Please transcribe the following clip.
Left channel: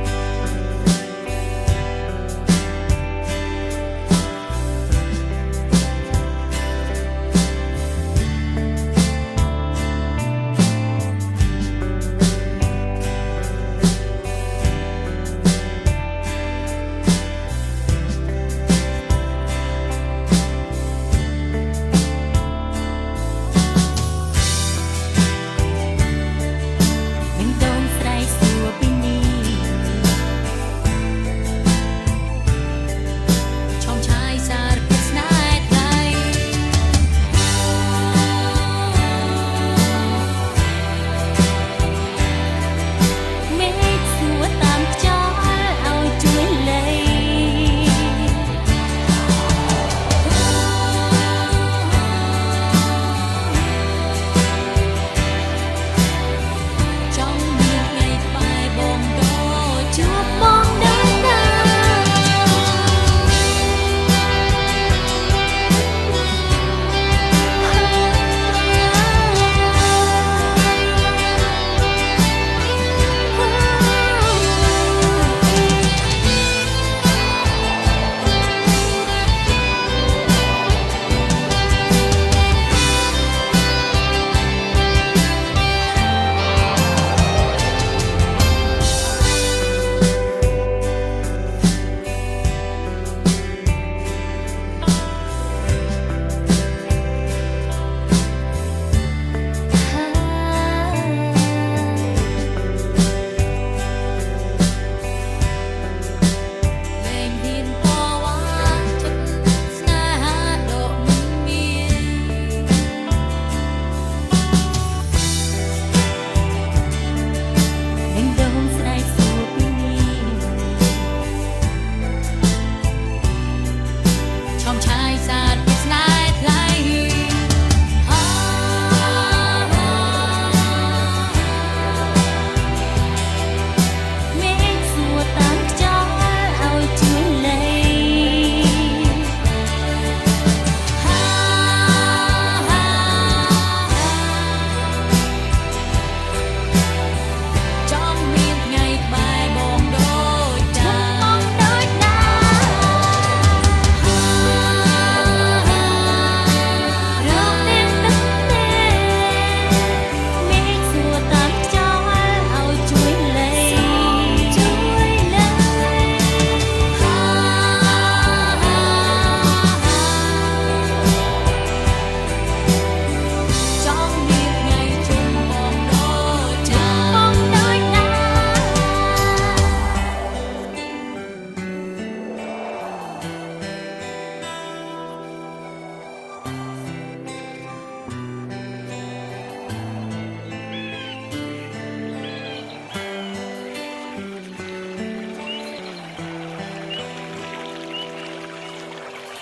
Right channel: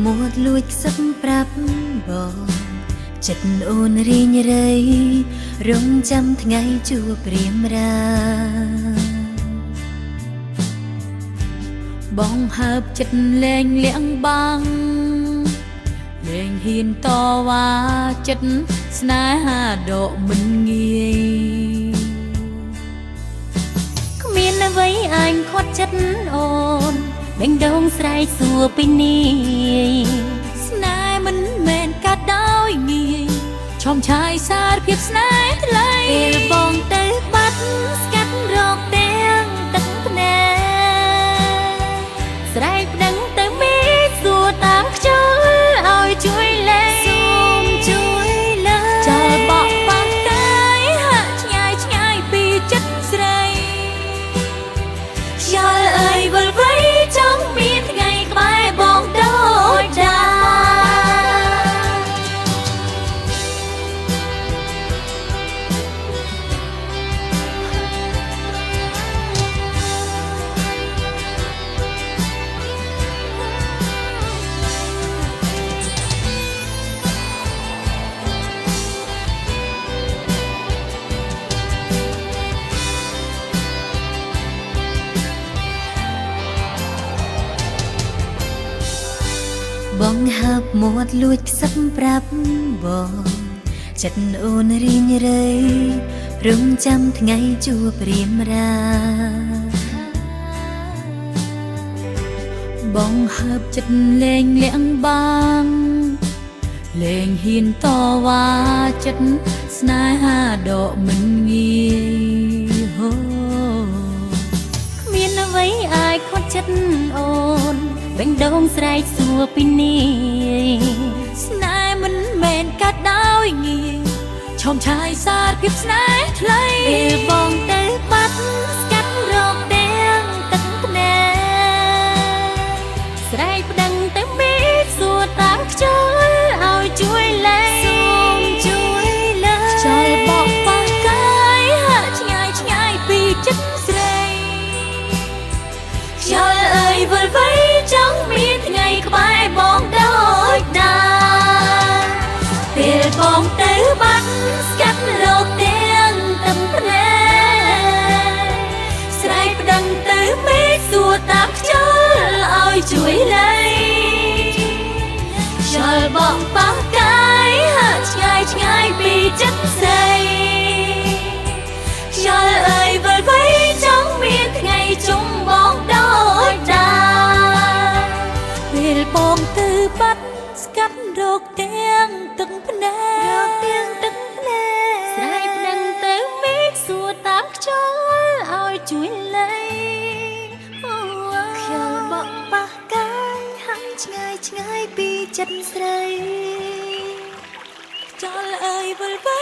មួតលួចសឹកប្រាប់បងចិត្តអូនរីងរៃរងចាំថ្ងៃជួបព្រាមរាបងហើបចិត្តលែងលៀងបាំងលែងហ៊ានតវ៉ាចិត្តស្នេហាដកមិនងាយគ្មានអ្វីអាចខត់ចិត្តអូនឯងដងស្រែកសួរពីនេះស្នេហ៍មិនមែនកាត់ដោយងាយឆោមឆាយសារភាពស្នេហ៍ថ្លៃបងទៅបាត់ស្កាត់រងទាំងទឹកភ្នែកស្រែកដឹងទៅមានសួរតាមខ្យល់ឲ្យជួយលេងចោលបក់បាំងកាយហាក់ឆ្ងាយឆ្ងាយពីចិត្តស្រីខ្យល់អើយវិលវ័យចង់មានថ្ងៃក្បែរបងដូចចាលួចផ្សឹកប្រាប់បងចិត្តអូនរីងរៃរងចាំថ្ងៃជួបព្រាមរាបងហើបចិត្តលែងលៀងបាំងលែងហ៊ានតវ៉ាចិត្តស្នេហាដកមិនងាយមានអ្វីអាចខត់ចិត្តអូនវិញដងស្រែកសួរពីនេះឆាយសារភាពស្នេហ៍ថ្លៃបងទៅបាត់ស្កាត់រងទាំងទឹកភ្នែកស្រែកដឹងទៅមានសួរតាមខ្យល់ឲ្យជួយលេងចោលបក់បាំងកាយហាក់ឆ្ងាយឆ្ងាយពីចិត្តស្រីខ្យល់អើយវិលវ័យចង់មានថ្ងៃក្បែរបងដូចតាពេលបងទៅបាត់ចិត្តស្រីចោលអើយវិលវ័យ